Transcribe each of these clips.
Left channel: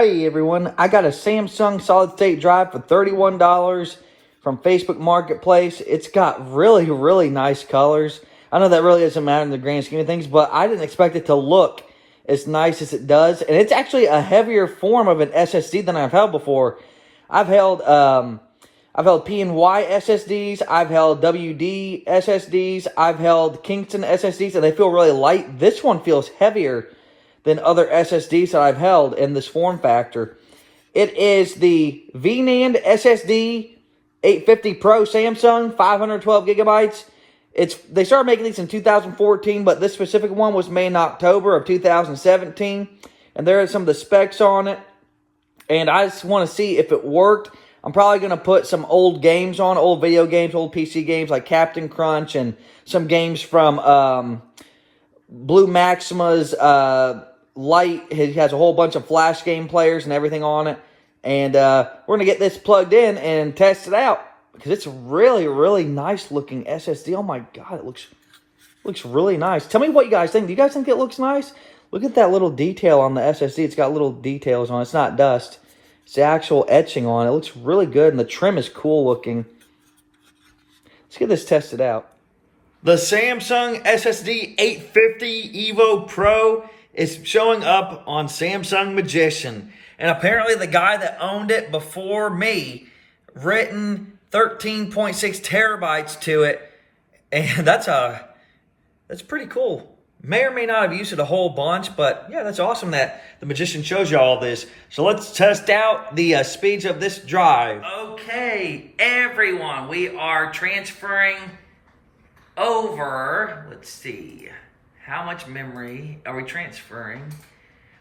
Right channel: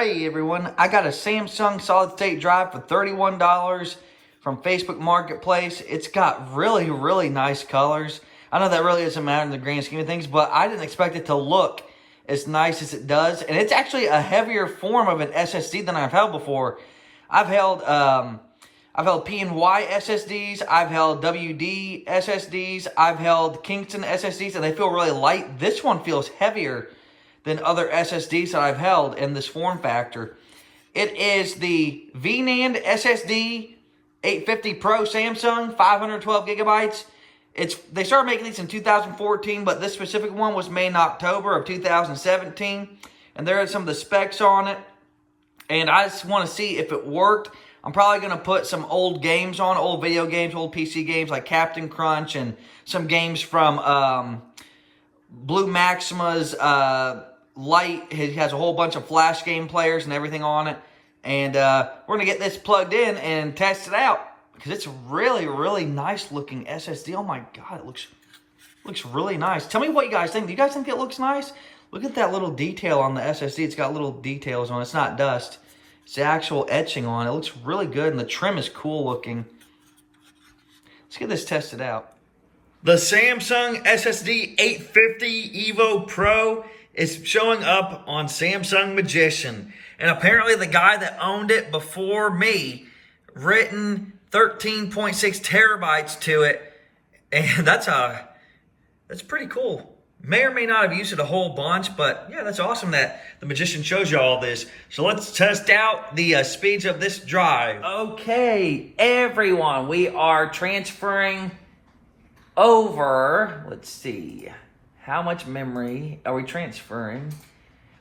Hey everyone, I got a Samsung solid state drive for $31 from Facebook Marketplace. It's got really nice colors. I know that really doesn't matter in the grand scheme of things, but I didn't expect it to look as nice as it does. And it's actually a heavier form of an SSD than I've held before. I've held P&Y SSDs, I've held WD SSDs, I've held Kingston SSDs, and they feel really light. This one feels heavier than other SSDs that I've held in this form factor. It is the VNAND SSD 850 Pro Samsung, 512 gigabytes. They started making these in 2014, but this specific one was made in October of 2017. And there are some of the specs on it. And I just want to see if it worked. I'm probably going to put some old games on, old video games, old PC games like Captain Crunch and some games from Blue Maxima's Light. It has a whole bunch of flash game players and everything on it. And we're going to get this plugged in and test it out because it's really nice looking SSD. Oh my God, it looks really nice. Tell me what you guys think. Do you guys think it looks nice? Look at that little detail on the SSD. It's got little details on it. It's not dust. It's the actual etching on it. It looks really good, and the trim is cool looking. Let's get this tested out. The Samsung SSD 850 EVO Pro is showing up on Samsung Magician. And apparently the guy that owned it before me written 13.6 terabytes to it. And that's pretty cool. May or may not have used it a whole bunch, but yeah, that's awesome that the Magician shows you all this. So let's test out the speeds of this drive. Okay, everyone, we are transferring over, let's see, how much memory are we transferring?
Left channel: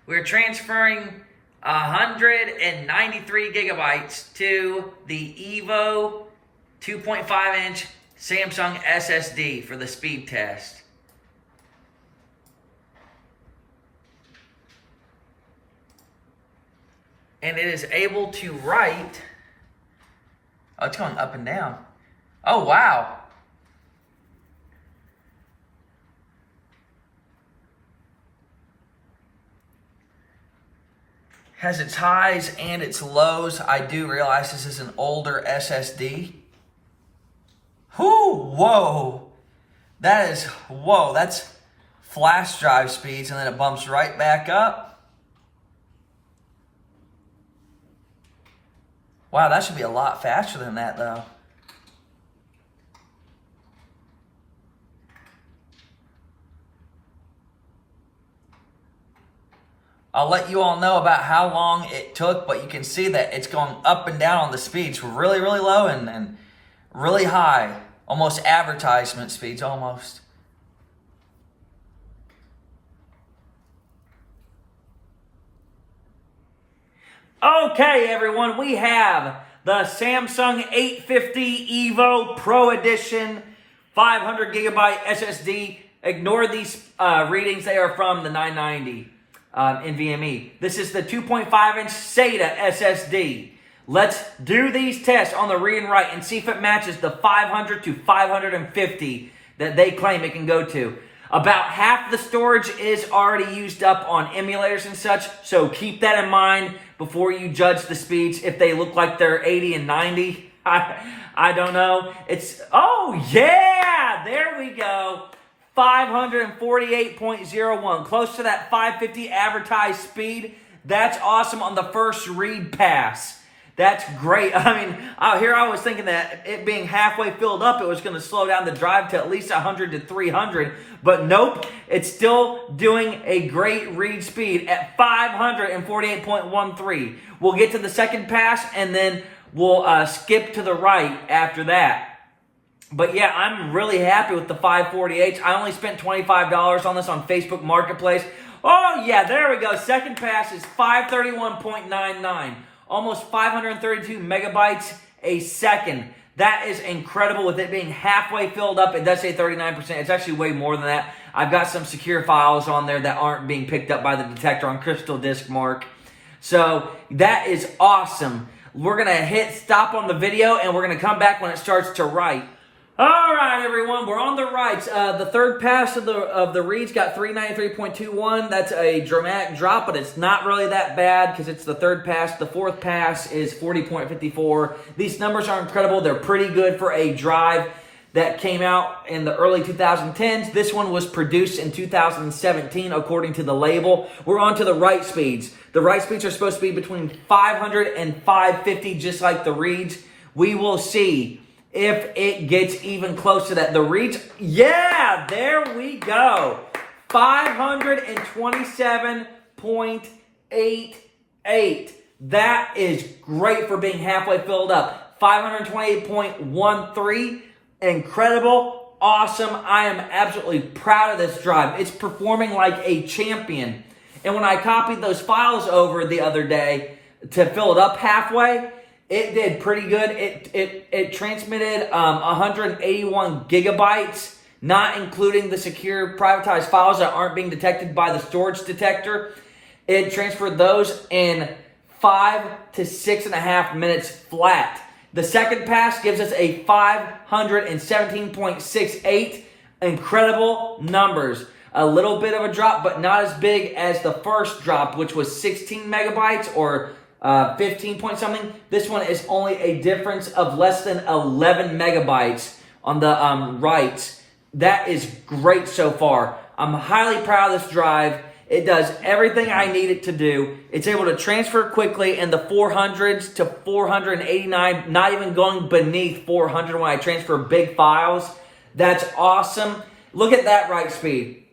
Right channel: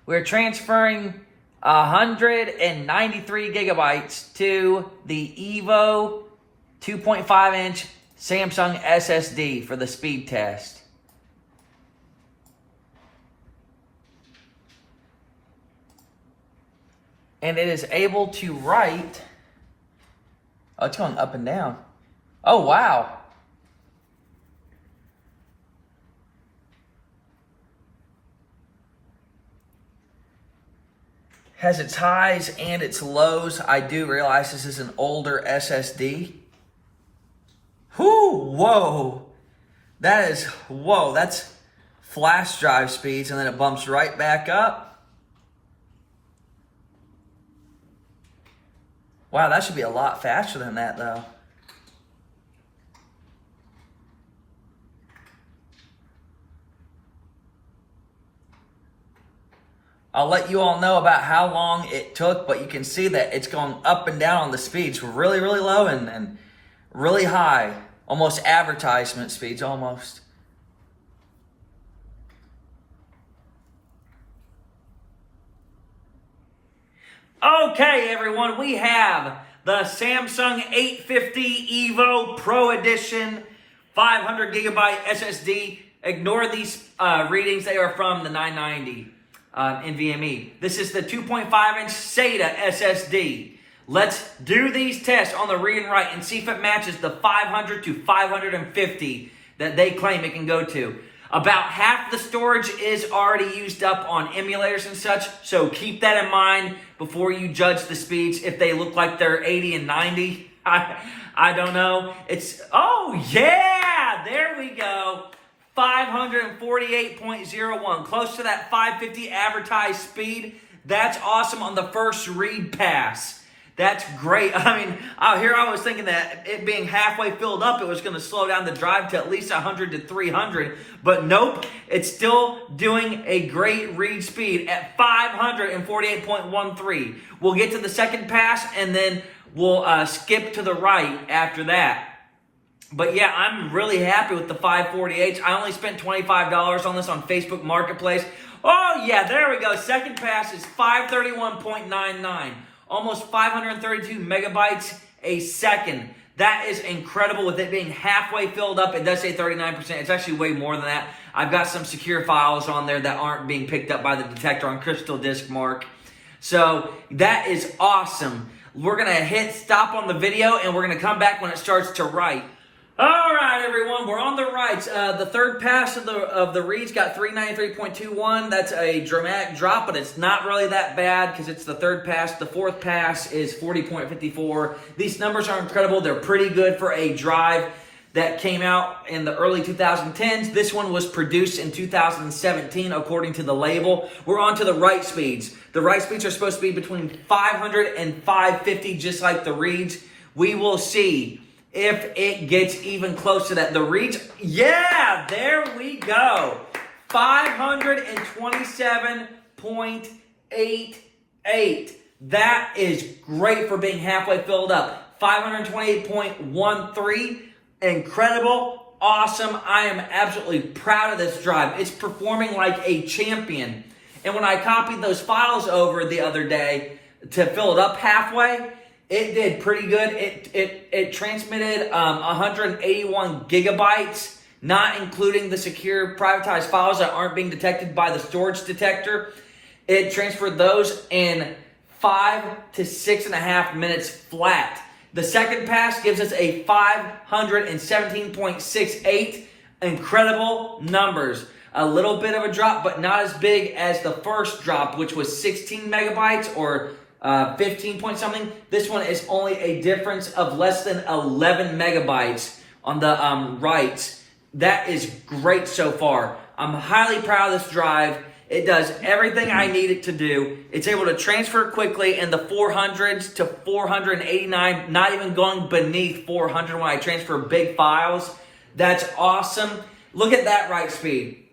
We're transferring 193 gigabytes to the EVO 2.5-inch Samsung SSD for the speed test. And it is able to write, oh, it's going up and down. Oh, wow. Has its highs and its lows. I do realize this is an older SSD. Whoa. That's flash drive speeds, and then it bumps right back up. Wow, that should be a lot faster than that, though. I'll let you all know about how long it took, but you can see that it's going up and down on the speeds. Really low and really high. Almost advertisement speeds, almost. Okay, everyone, we have the Samsung 850 EVO Pro Edition 500 gigabyte SSD. Ignore these readings. They are from the 990 NVMe. This is the 2.5-inch SATA SSD. Let's do these tests on the read and write and see if it matches the 500 to 550 that they claim it can go to. About half the storage is already used up on emulators and such, so keep that in mind before you judge the speeds. If they look like they're 80 and 90, I don't know. Oh yeah, there we go. 548.01, close to that 550 advertised speed. That's awesome on the first read pass. That's great. I mean, here I was thinking that it being halfway filled up, it was going to slow down the drive to at least 100 to 300. But nope, it's still doing a great read speed at 548.13. We'll get to the second pass, and then we'll skip to the right after that. But yeah, I'm really happy with the 548. I only spent $25 on this on Facebook Marketplace. Oh yeah, there we go. Second pass is 531.99. Almost 532 megabytes a second. That is incredible with it being halfway filled up. It does say 39%. It's actually way more than that. I've got some secure files on there that aren't being picked up by the detector on Crystal Disk Mark. So that is awesome. We're going to hit stop on the video, and we're going to come back when it starts to write. All right, everyone, we're on the rights. The third pass of the reads got 393.21. That's a dramatic drop, but it's not really that bad because it's the third pass. The fourth pass is 40.54. These numbers are incredible. They're pretty good for a drive that came out in the early 2010s. This one was produced in 2017, according to the label. We're on to the write speeds. The write speeds are supposed to be between 500 and 550, just like the reads. We will see if it gets even close to that. The reads, yeah, there we go. 527.88. That is great for being halfway filled up. 528.13. Incredible. Awesome. I am absolutely proud of this drive. It's performing like a champion. And when I copied those files over the other day to fill it up halfway, it did pretty good. It transmitted 181 gigabytes, not including the secure privatized files that aren't being detected by the storage detector. It transferred those in 5 to 6.5 minutes flat. The second pass gives us a 517.68. Incredible numbers. A little bit of a drop, but not as big as the first drop, which was 16 megabytes or 15 point something. This one is only a difference of less than 11 megabytes on the writes. That is great so far. I'm highly proud of this drive. It does everything I need it to do. It's able to transfer quickly in the 400s to 489, not even going beneath 400 when I transfer big files. That's awesome. Look at that write speed.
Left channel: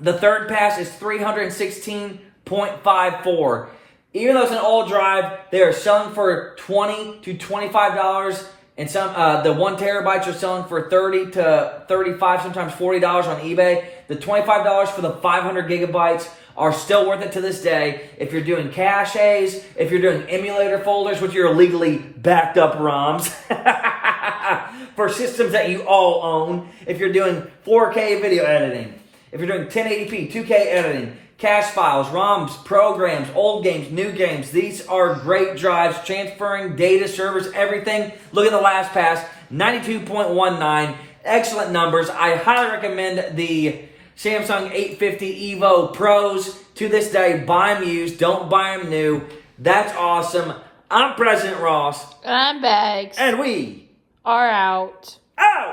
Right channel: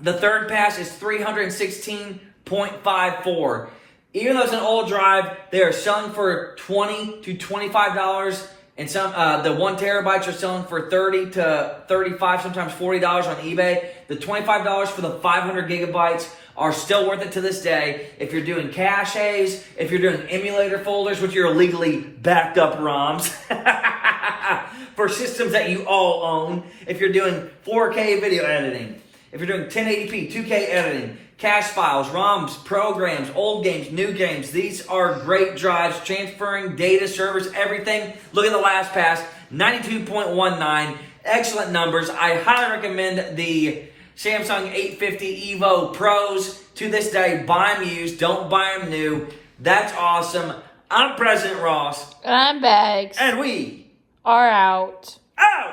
The third pass is 316.54. Even though it's an old drive, they are selling for $20 to $25, and some the 1 terabytes are selling for $30 to $35, sometimes $40 on eBay. The $25 for the 500 gigabytes are still worth it to this day. If you're doing caches, if you're doing emulator folders, which are illegally backed up ROMs for systems that you all own, if you're doing 4K video editing, if you're doing 1080p, 2K editing, cache files, ROMs, programs, old games, new games. These are great drives, transferring data, servers, everything. Look at the last pass, 92.19. Excellent numbers. I highly recommend the Samsung 850 EVO Pros. To this day, buy them used. Don't buy them new. That's awesome. I'm President Ross. I'm Bags. And we are out. Out!